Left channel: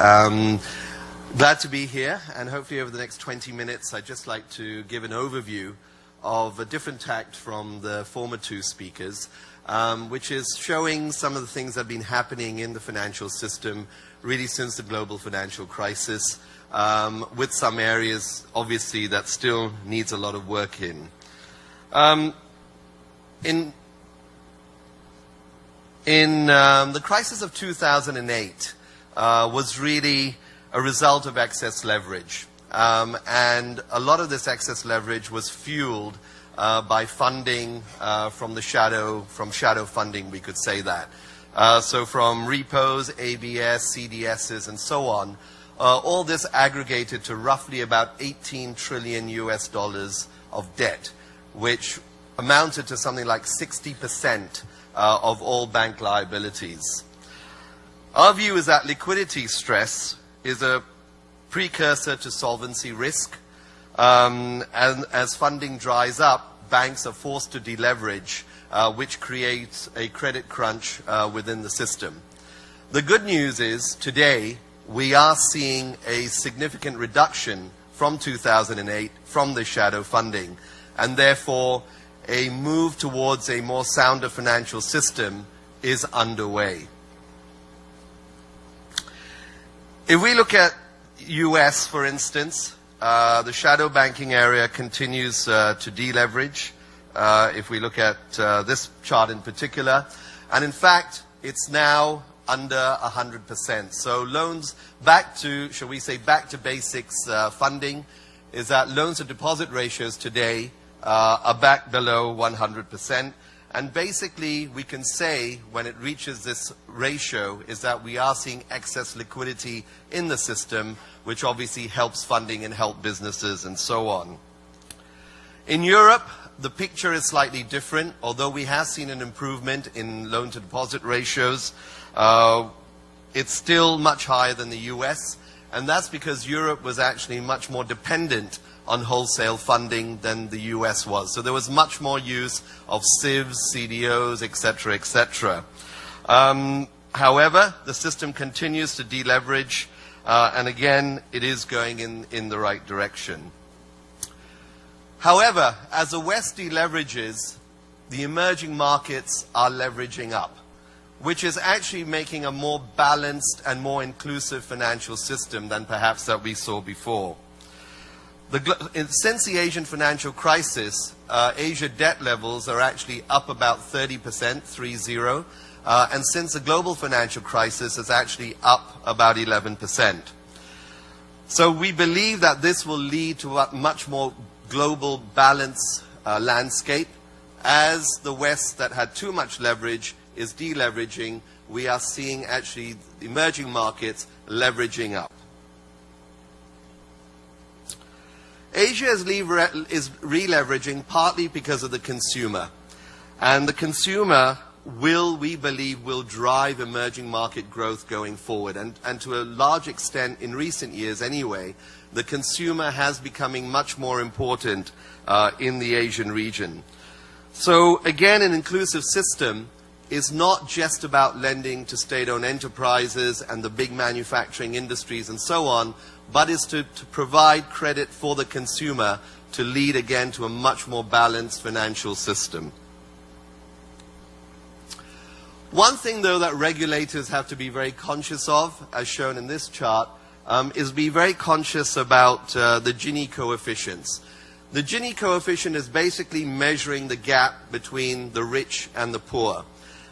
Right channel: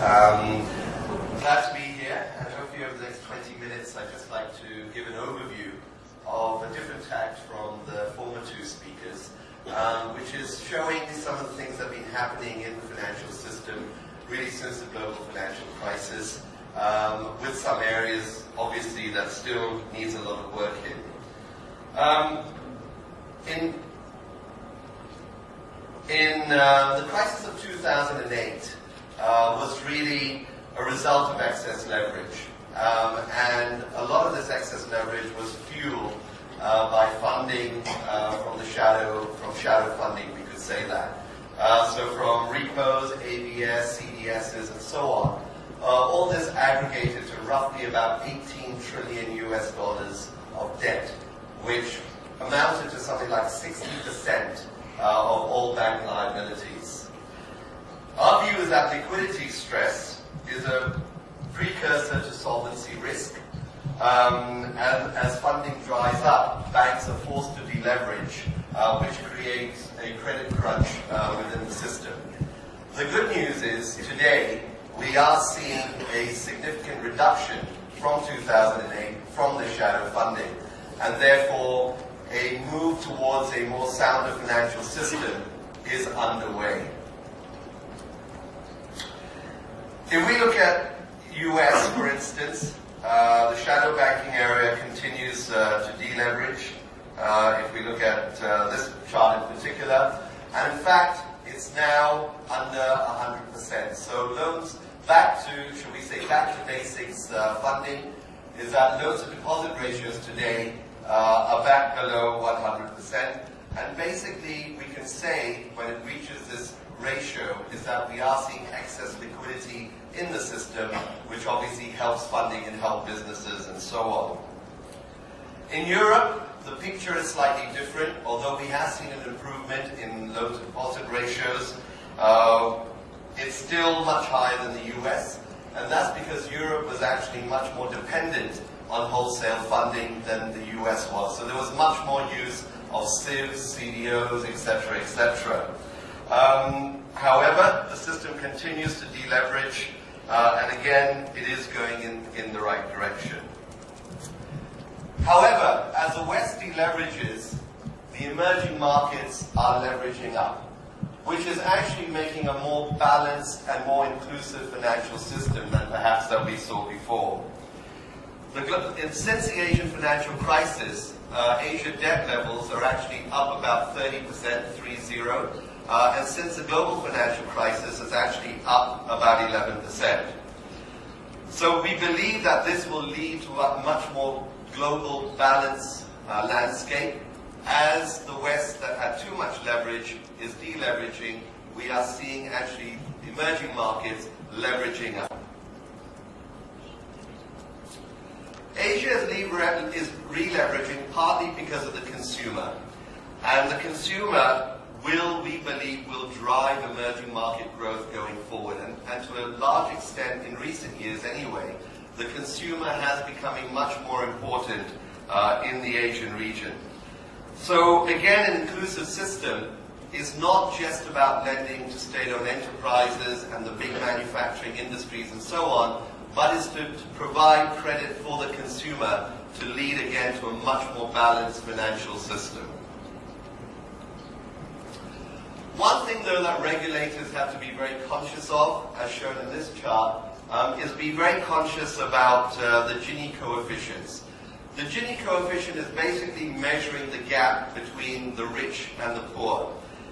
Glad to be here, and hopefully over the next 20 minutes I'd just like to give an overview of a different tact from the former two speakers, which is showing some of the things that have been happening in the financial system really since the global financial crisis, with some areas obviously that still needs a lot of work in. The crisis of 2008 was really a result of excess leverage, and a lot of this excess leverage was fueled by funding from shadow funding, we could say that. So from repos, ABS, CDSs, and so on, all this aggregated to roughly about $18 trillion of debt, which amounted to something like 60% of all bank liabilities. Our view is that liquidity stress is a precursor to solvency risk, and as funding dries up, banks are forced to deleverage, which creates a credit crunch within the system. The good news is today we are seeing a significant reduction from 2008 from the shadow funding, and therefore a move towards a more sounder financial system is underway. If we look at US, for instance, the shadow banking area continues to deleverage. If we look at this chart in particular, and in fact, it's now under 100%. So loans back to, shall we say, back to basics funding is that loans to deposit ratios today are back below 100%. And basically, we can say when it reaches this ratio is that we are seeing excess liquidity in the system, which obviously helps funding and help businesses and so on. In Europe, the picture is slightly different. Although we have seen an improvement in loan-to-deposit ratios, it's still much higher than the US, and that's because Europe was actually much more dependent on wholesale funding than the US was. So there was much more use of CIVs, CDOs, etc., etc. However, the system continues to deleverage, and again, it is going in the right direction. However, as the West deleverages, the emerging markets are leveraging up, which is actually making a more balanced and more inclusive financial system than perhaps that we saw before. Since the Asian financial crisis, Asia debt levels are actually up about 30%, 30, and since the global financial crisis, it's actually up about 11%. So we believe that this will lead to a much more global balance landscape. As the West that had too much leverage is deleveraging, we are seeing actually emerging markets leveraging up. Asia is re-leveraging partly because of the consumer. And the consumer we believe, will drive emerging market growth going forward. And to a large extent, in recent years anyway, the consumer has becoming much more important in the Asian region. So again, an inclusive system is not just about lending to state-owned enterprises and the big manufacturing industries and so on, but is to provide credit for the consumer to lead again to a much more balanced financial system. One thing though that regulators have to be very conscious of, as shown in this chart, is be very conscious about the Gini coefficients. The Gini coefficient is basically measuring the gap between the rich and the poor.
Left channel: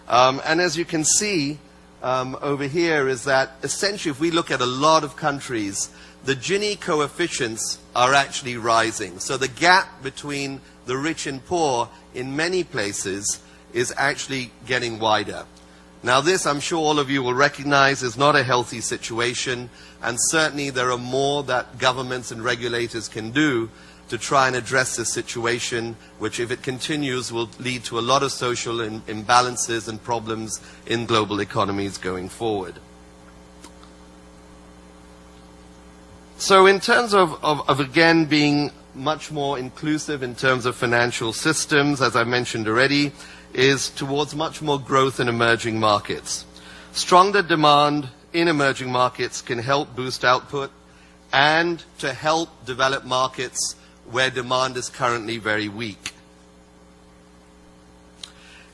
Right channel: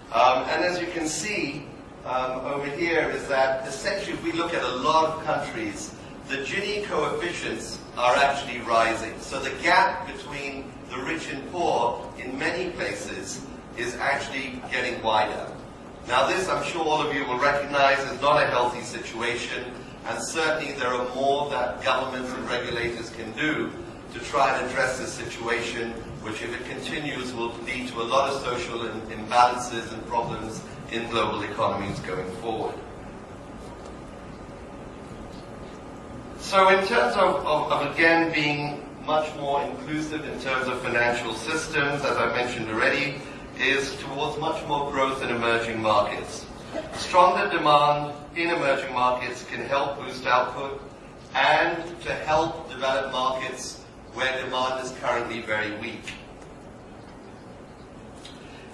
And as you can see over here is that essentially if we look at a lot of countries, the Gini coefficients are actually rising. So the gap between the rich and poor in many places is actually getting wider. Now this, I'm sure all of you will recognize, is not a healthy situation, and certainly there are more that governments and regulators can do to try and address this situation, which if it continues will lead to a lot of social imbalances and problems in global economies going forward. So in terms of again being much more inclusive in terms of financial systems, as I mentioned already, is towards much more growth in emerging markets. Stronger demand in emerging markets can help boost output and to help develop markets where demand is currently very weak.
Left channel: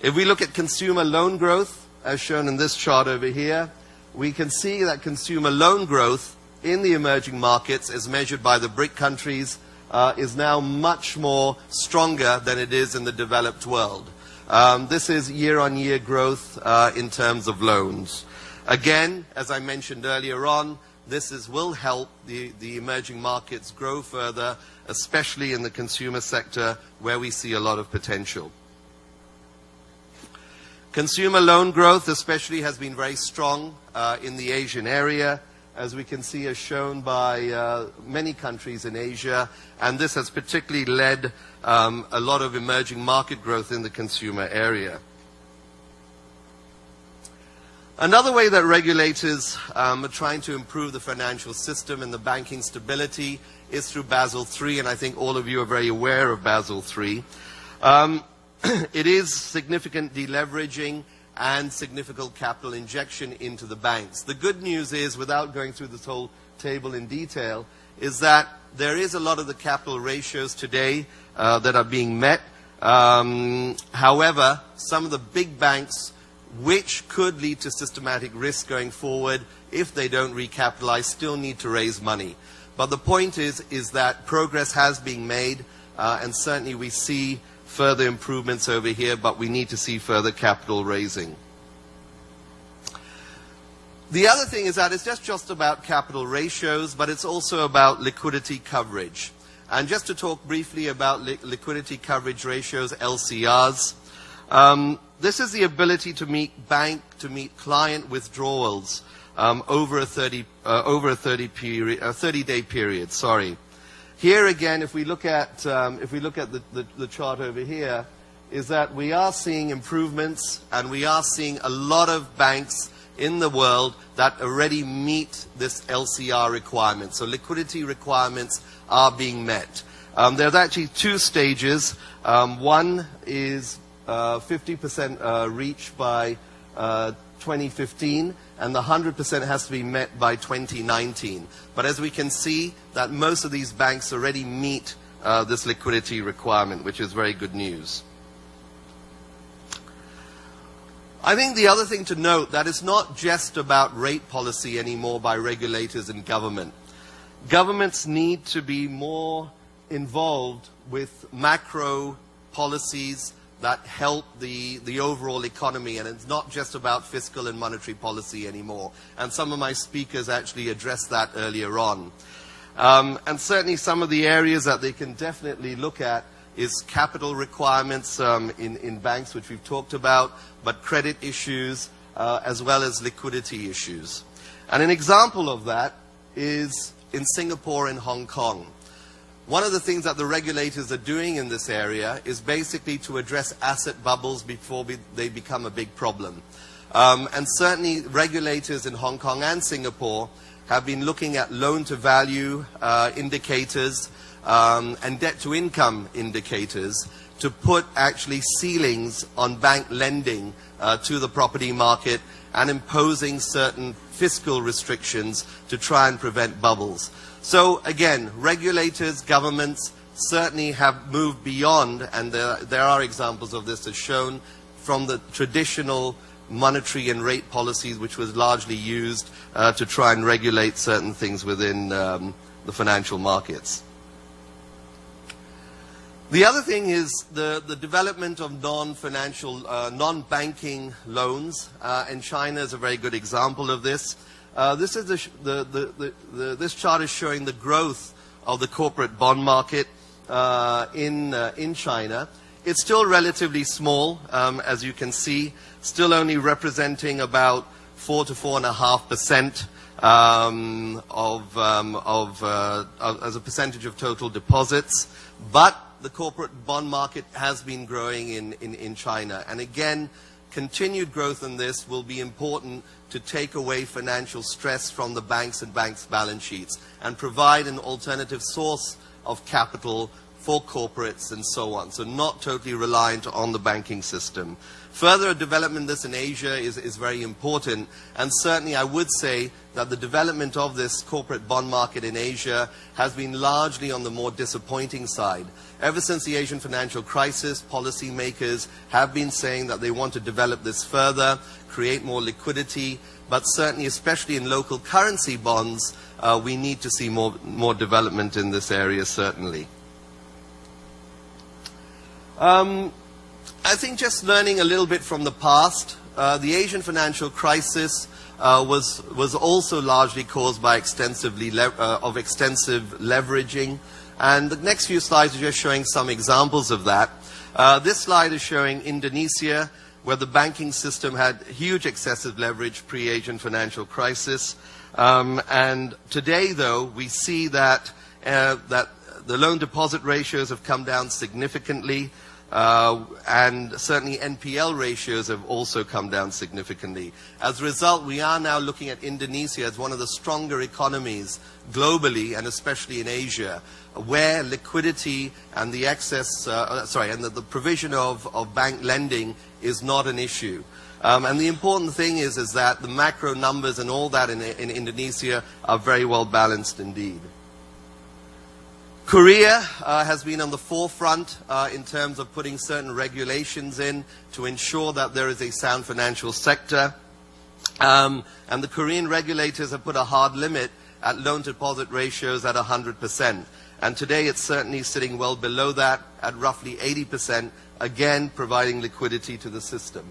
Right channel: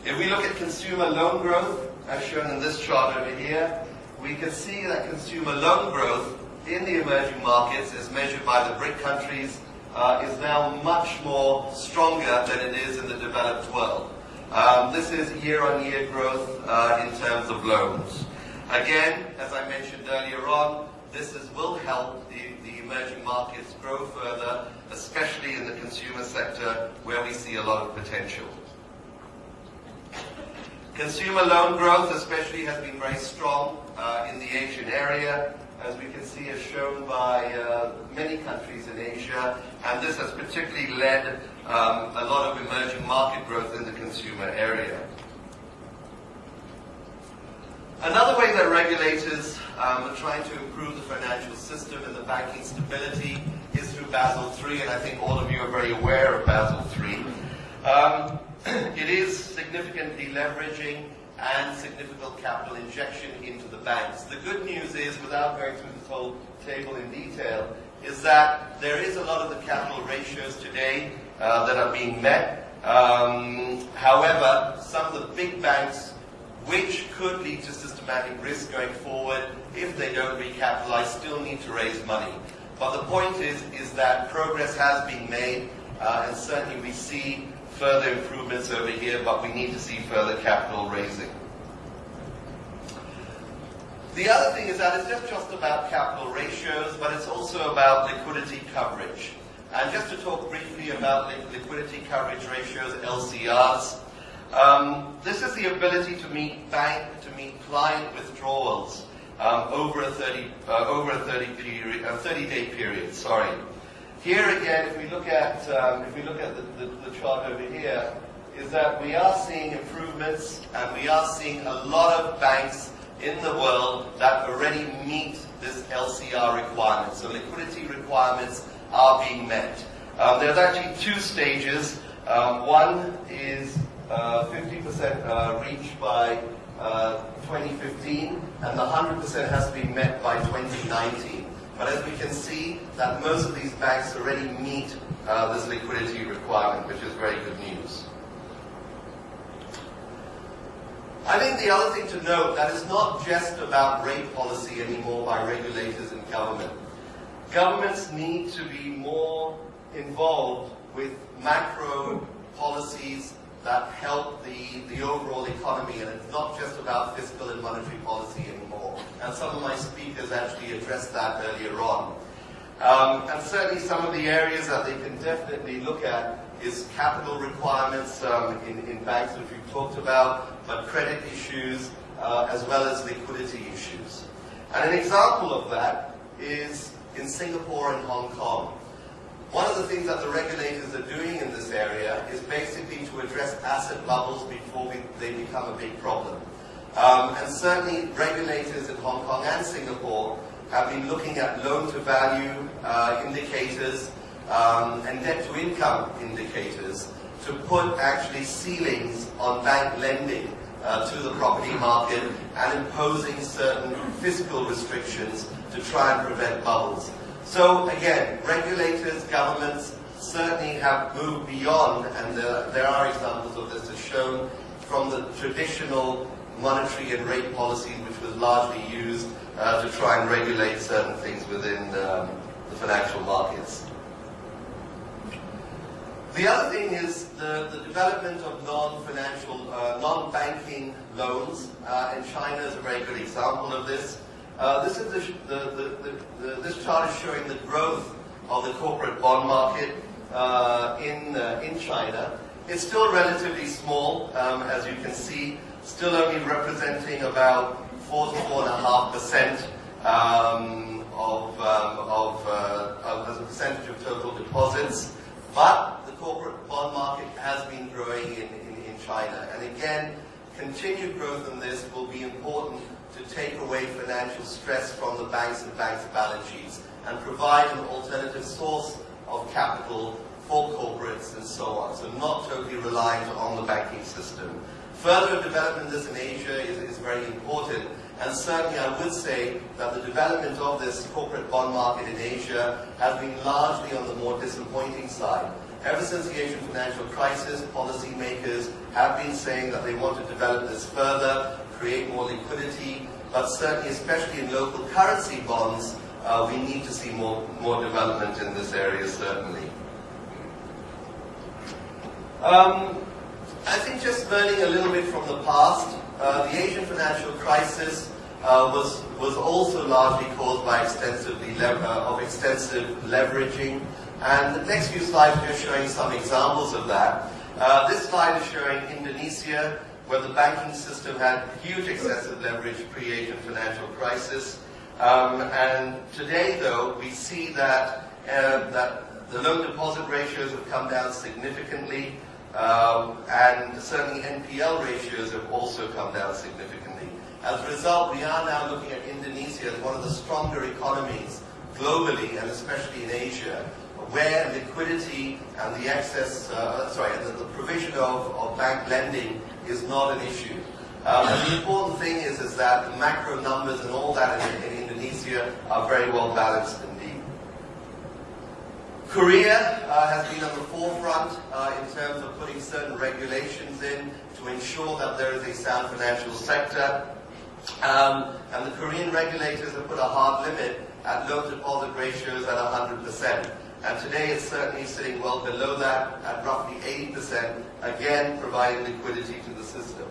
If we look at consumer loan growth, as shown in this chart over here, we can see that consumer loan growth in the emerging markets, as measured by the BRIC countries, is now much more stronger than it is in the developed world. This is year-on-year growth in terms of loans. Again, as I mentioned earlier on, this will help the emerging markets grow further, especially in the consumer sector where we see a lot of potential. Consumer loan growth especially has been very strong in the Asian area, as we can see as shown by many countries in Asia, and this has particularly led a lot of emerging market growth in the consumer area. Another way that regulators are trying to improve the financial system and the banking stability is through Basel III, and I think all of you are very aware of Basel III. It is significant deleveraging and significant capital injection into the banks. The good news is, without going through this whole table in detail, is that there is a lot of the capital ratios today that are being met. However, some of the big banks, which could lead to systematic risk going forward if they don't recapitalize, still need to raise money. But the point is that progress has been made, and certainly we see further improvements over here, but we need to see further capital raising. The other thing is that it's just about capital ratios, but it's also about liquidity coverage. And just to talk briefly about liquidity coverage ratios, LCRs, this is the ability to meet client withdrawals over a 30-day period. Sorry. Here again, if we look at the chart over here, is that we are seeing improvements, and we are seeing a lot of banks in the world that already meet this LCR requirement. So liquidity requirements are being met. There's actually two stages. One is 50% reached by 2015, and the 100% has to be met by 2019. But as we can see, that most of these banks already meet this liquidity requirement, which is very good news. I think the other thing to note that it's not just about rate policy anymore by regulators and government. Governments need to be more involved with macro policies that help the overall economy, and it's not just about fiscal and monetary policy anymore. And some of my speakers actually addressed that earlier on. And certainly some of the areas that they can definitely look at is capital requirements in banks, which we've talked about, but credit issues as well as liquidity issues. And an example of that is in Singapore and Hong Kong. One of the things that the regulators are doing in this area is basically to address asset bubbles before they become a big problem. And certainly regulators in Hong Kong and Singapore have been looking at loan-to-value indicators and debt-to-income indicators to put actually ceilings on bank lending to the property market and imposing certain fiscal restrictions to try and prevent bubbles. So again, regulators, governments certainly have moved beyond, and there are examples of this as shown from the traditional monetary and rate policies which was largely used to try and regulate certain things within the financial markets. The other thing is the development of non-financial, non-banking loans, and China is a very good example of this. This this chart is showing the growth of the corporate bond market in China. It's still relatively small, as you can see, still only representing about 4 to 4.5% as a percentage of total deposits. But the corporate bond market has been growing in China. And again, continued growth in this will be important to take away financial stress from the banks and banks' balance sheets and provide an alternative source of capital for corporates and so on. So not totally reliant on the banking system. Further development of this in Asia is very important, and certainly I would say that the development of this corporate bond market in Asia has been largely on the more disappointing side. Ever since the Asian financial crisis, policymakers have been saying that they want to develop this further, create more liquidity, but certainly, especially in local currency bonds, we need to see more development in this area, certainly. I think just learning a little bit from the past, the Asian financial crisis was also largely caused by extensive leveraging. And the next few slides are just showing some examples of that. This slide is showing Indonesia, where the banking system had huge excessive leverage pre-Asian financial crisis. And today, though, we see that, that the loan deposit ratios have come down significantly. And certainly NPL ratios have also come down significantly. As a result, we are now looking at Indonesia as one of the stronger economies globally, and especially in Asia, where liquidity and the access, and the provision of bank lending is not an issue. And the important thing is that the macro numbers and all that in Indonesia are very well balanced indeed. Korea has been on the forefront in terms of putting certain regulations in to ensure that there is a sound financial sector. And the Korean regulators have put a hard limit at loan deposit ratios at 100%. And today it's certainly sitting well below that at roughly 80%, again providing liquidity to the system.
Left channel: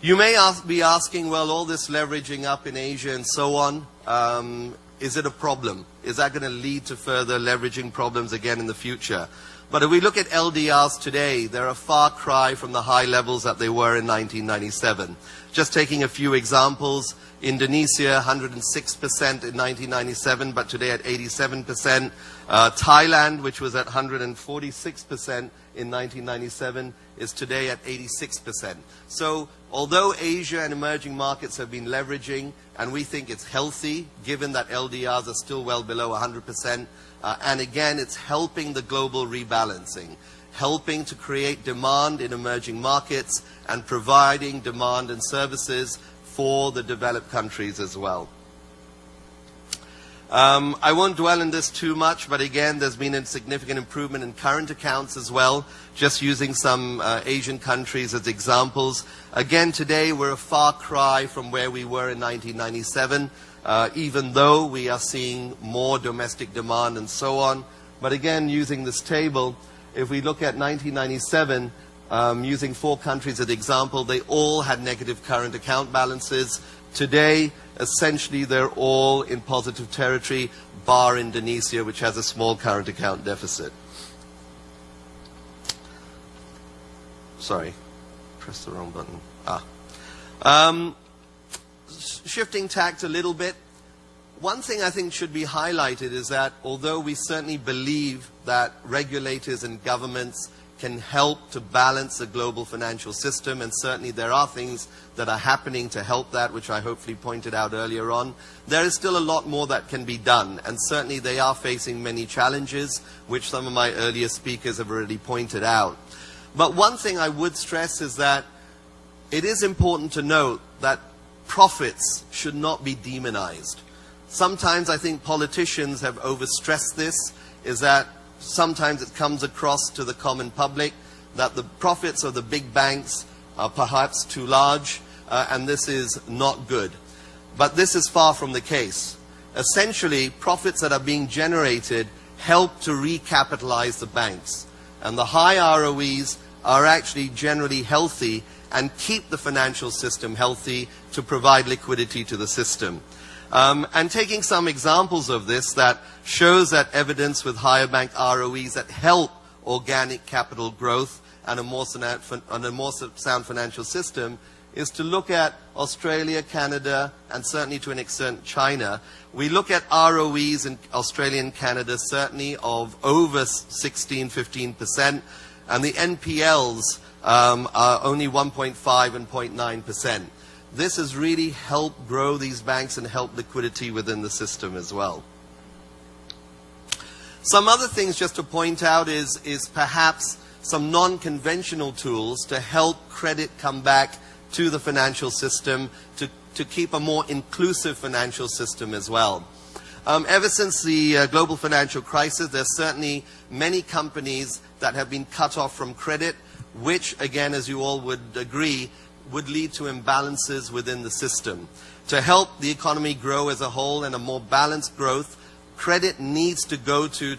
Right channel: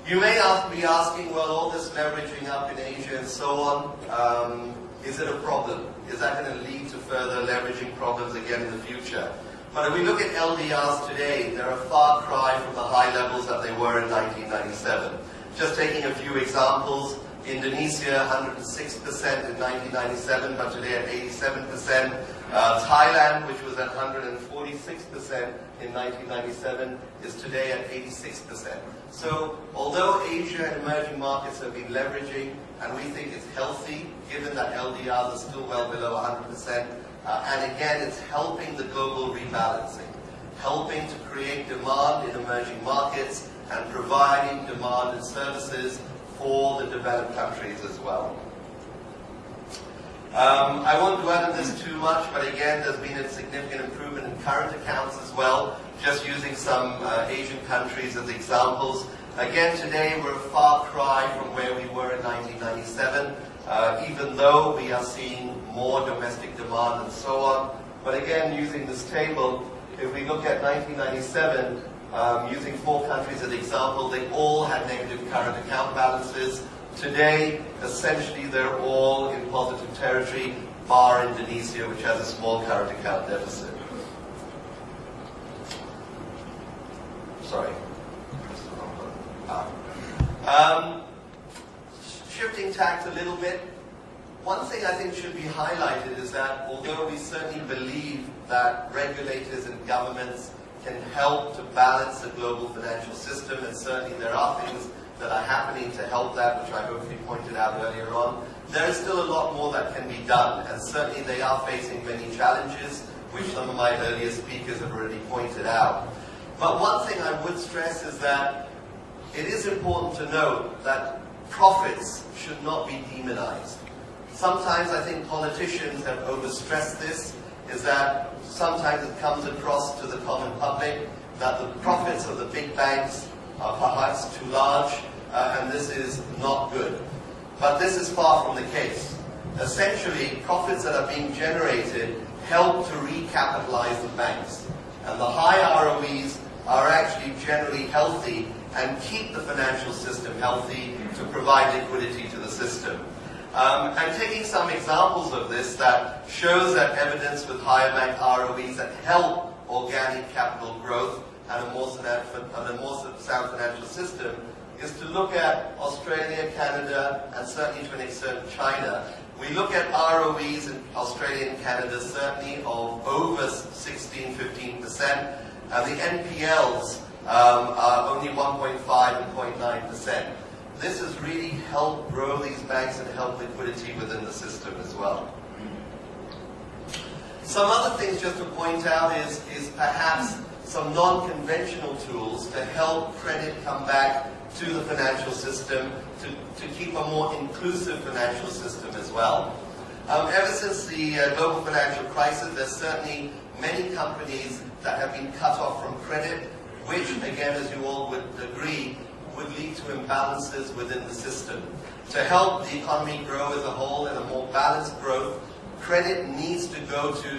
You may be asking, well, all this leveraging up in Asia and so on, is it a problem? Is that going to lead to further leveraging problems again in the future? But if we look at LDRs today, they're a far cry from the high levels that they were in 1997. Just taking a few examples, Indonesia, 106% in 1997, but today at 87%. Thailand, which was at 146% in 1997, is today at 86%. So, although Asia and emerging markets have been leveraging, and we think it's healthy, given that LDRs are still well below 100%, and again, it's helping the global rebalancing, helping to create demand in emerging markets, and providing demand and services for the developed countries as well. I won't dwell on this too much, but again, there's been a significant improvement in current accounts as well, just using some Asian countries as examples. Again, today we're a far cry from where we were in 1997, even though we are seeing more domestic demand and so on. But again, using this table, if we look at 1997, using 4 countries as example, they all had negative current account balances. Today, essentially, they're all in positive territory, bar Indonesia, which has a small current account deficit. Sorry, pressed the wrong button. Shifting tact a little bit, one thing I think should be highlighted is that although we certainly believe that regulators and governments can help to balance the global financial system, and certainly there are things that are happening to help that, which I hopefully pointed out earlier on, there is still a lot more that can be done, and certainly they are facing many challenges, which some of my earlier speakers have already pointed out. But one thing I would stress is that it is important to note that profits should not be demonized. Sometimes I think politicians have overstressed this, is that sometimes it comes across to the common public that the profits of the big banks are perhaps too large, and this is not good. But this is far from the case. Essentially, profits that are being generated help to recapitalize the banks. And the high ROEs are actually generally healthy and keep the financial system healthy to provide liquidity to the system. And taking some examples of this that shows that evidence with higher bank ROEs that help organic capital growth and a more sound financial system is to look at Australia, Canada, and certainly to an extent China. We look at ROEs in Australia and Canada certainly of over 16, 15%, and the NPLs are only 1.5 and 0.9%. This has really helped grow these banks and help liquidity within the system as well. Some other things just to point out is perhaps some non-conventional tools to help credit come back to the financial system, to keep a more inclusive financial system as well. Ever since the global financial crisis, there's certainly many companies that have been cut off from credit, which, again, as you all would agree, would lead to imbalances within the system. To help the economy grow as a whole and a more balanced growth, credit needs to go to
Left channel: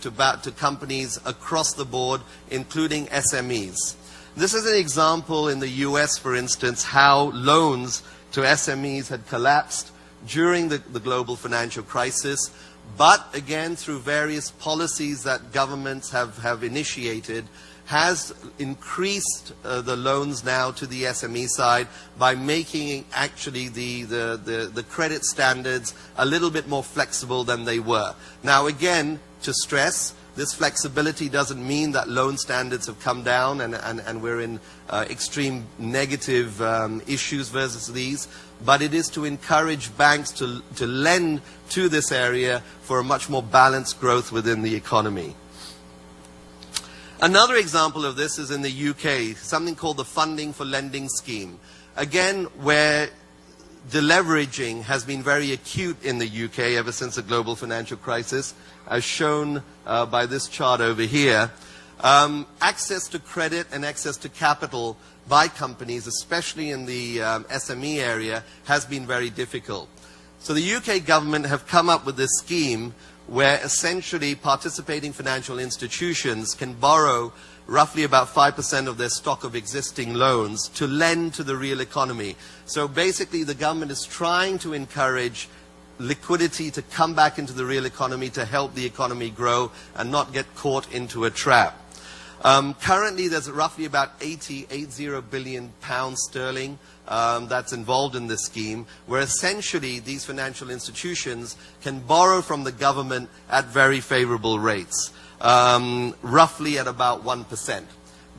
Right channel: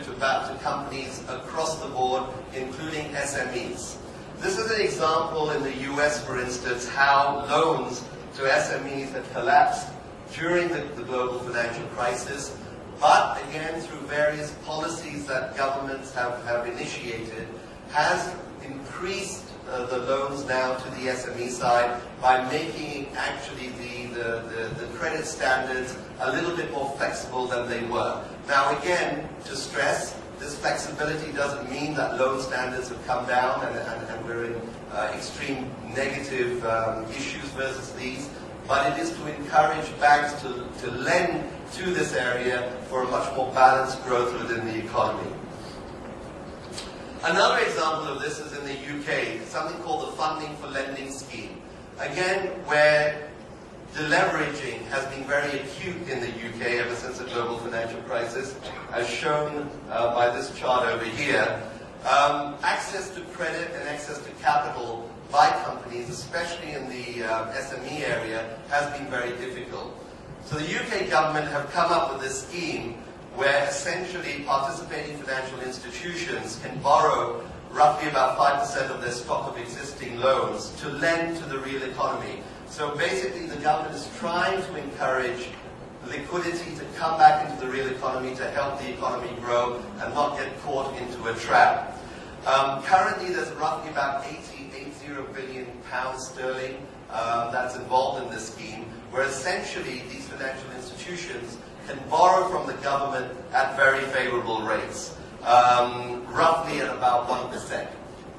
companies across the board, including SMEs. This is an example in the US, for instance, how loans to SMEs had collapsed during the global financial crisis, but again, through various policies that governments have initiated, has increased the loans now to the SME side by making actually the credit standards a little bit more flexible than they were. Now again, to stress, this flexibility doesn't mean that loan standards have come down and we're in extreme negative issues versus these, but it is to encourage banks to lend to this area for a much more balanced growth within the economy. Another example of this is in the UK, something called the Funding for Lending Scheme. Again, where deleveraging has been very acute in the UK ever since the global financial crisis, as shown by this chart over here. Access to credit and access to capital by companies, especially in the SME area, has been very difficult. So the UK government have come up with this scheme where essentially participating financial institutions can borrow roughly about 5% of their stock of existing loans to lend to the real economy. So basically the government is trying to encourage liquidity to come back into the real economy to help the economy grow and not get caught into a trap. Currently there's roughly about 80 billion pounds sterling that's involved in this scheme, where essentially these financial institutions can borrow from the government at very favorable rates, roughly at about 1%.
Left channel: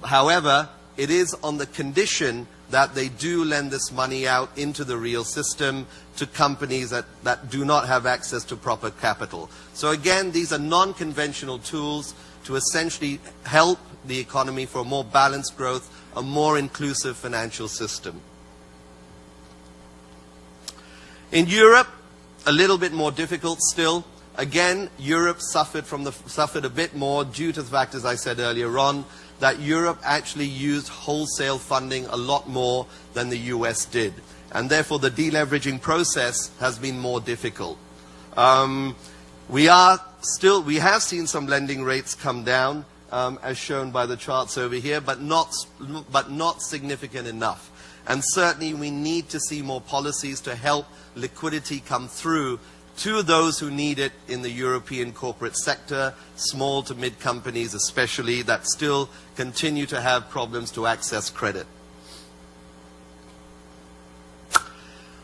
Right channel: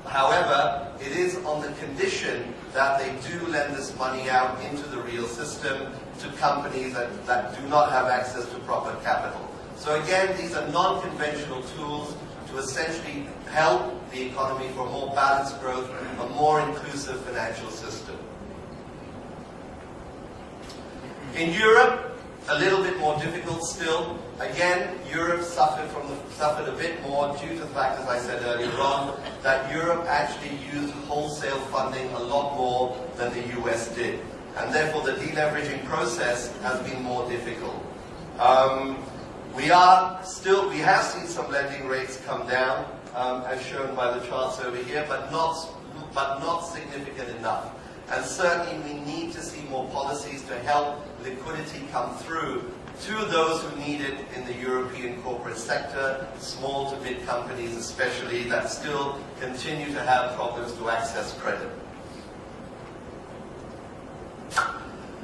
However, it is on the condition that they do lend this money out into the real system to companies that do not have access to proper capital. So again, these are non-conventional tools to essentially help the economy for more balanced growth, a more inclusive financial system. In Europe, a little bit more difficult still. Again, Europe suffered a bit more due to the fact, as I said earlier on, that Europe actually used wholesale funding a lot more than the US did. And therefore the deleveraging process has been more difficult. We have seen some lending rates come down, as shown by the charts over here, but not significant enough. And certainly we need to see more policies to help liquidity come through to those who need it in the European corporate sector, small to mid companies especially, that still continue to have problems to access credit.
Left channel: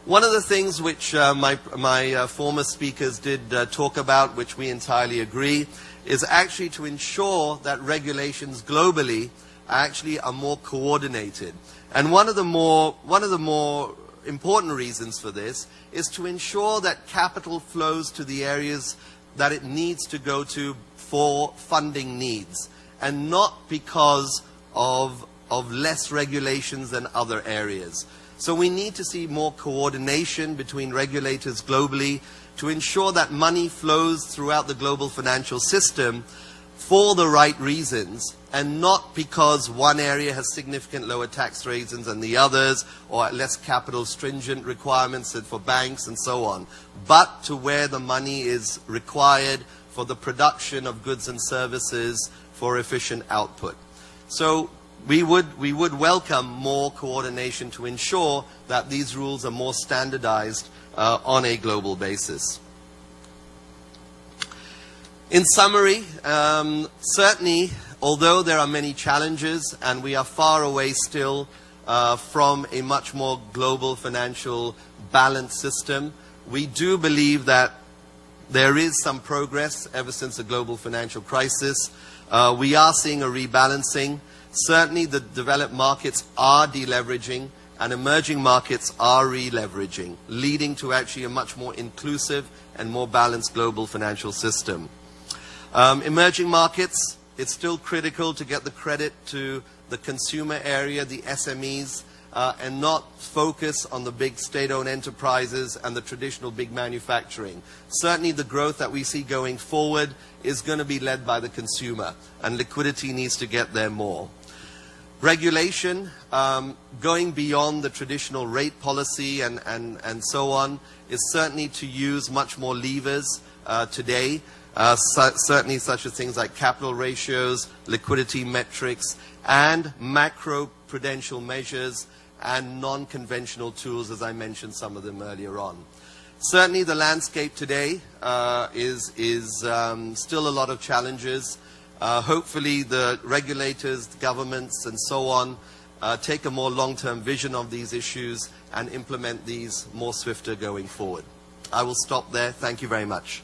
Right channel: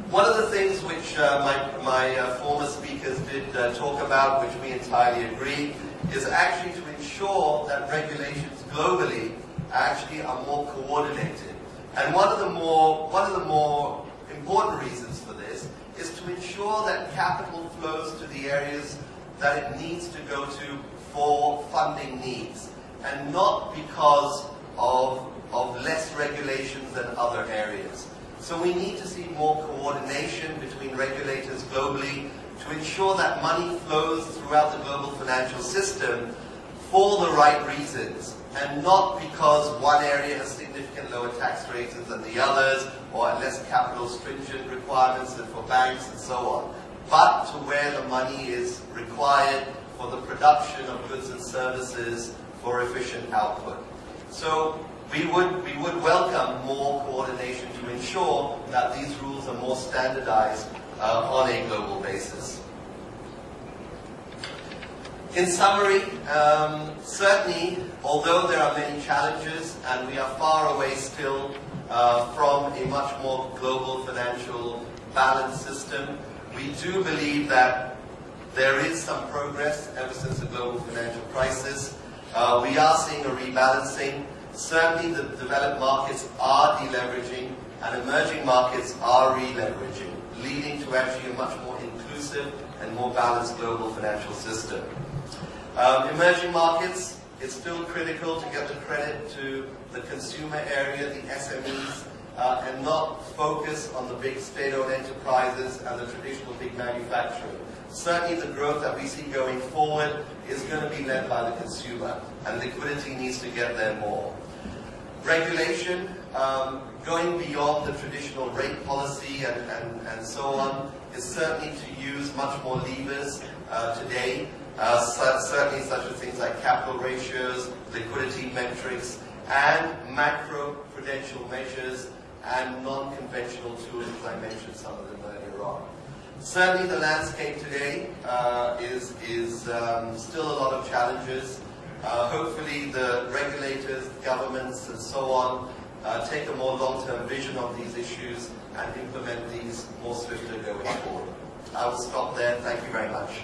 One of the things which my former speakers did talk about, which we entirely agree, is actually to ensure that regulations globally actually are more coordinated. And one of the more important reasons for this is to ensure that capital flows to the areas that it needs to go to for funding needs, and not because of less regulations than other areas. So we need to see more coordination between regulators globally to ensure that money flows throughout the global financial system for the right reasons, and not because one area has significant lower tax rates than the others, or less capital stringent requirements for banks and so on, but to where the money is required for the production of goods and services for efficient output. So we would welcome more coordination to ensure that these rules are more standardized on a global basis. In summary, certainly, although there are many challenges and we are far away still from a much more global financial balanced system, we do believe that there is some progress ever since the global financial crisis. We are seeing a rebalancing. Certainly the developed markets are deleveraging and emerging markets are re-leveraging, leading to actually a much more inclusive and more balanced global financial system. Emerging markets, It's still critical to get the credit to the consumer area, the SMEs, and not focus on the big state-owned enterprises and the traditional big manufacturing. Certainly the growth that we see going forward is going to be led by the consumer, and liquidity needs to get there more. Regulation, going beyond the traditional rate policy and so on, is certainly to use much more levers today, certainly such as things like capital ratios, liquidity metrics, and macro-prudential measures and non-conventional tools, as I mentioned some of them earlier on. Certainly the landscape today is still a lot of challenges. Hopefully the regulators, governments and so on take a more long-term vision of these issues and implement these more swifter going forward. I will stop there. Thank you very much.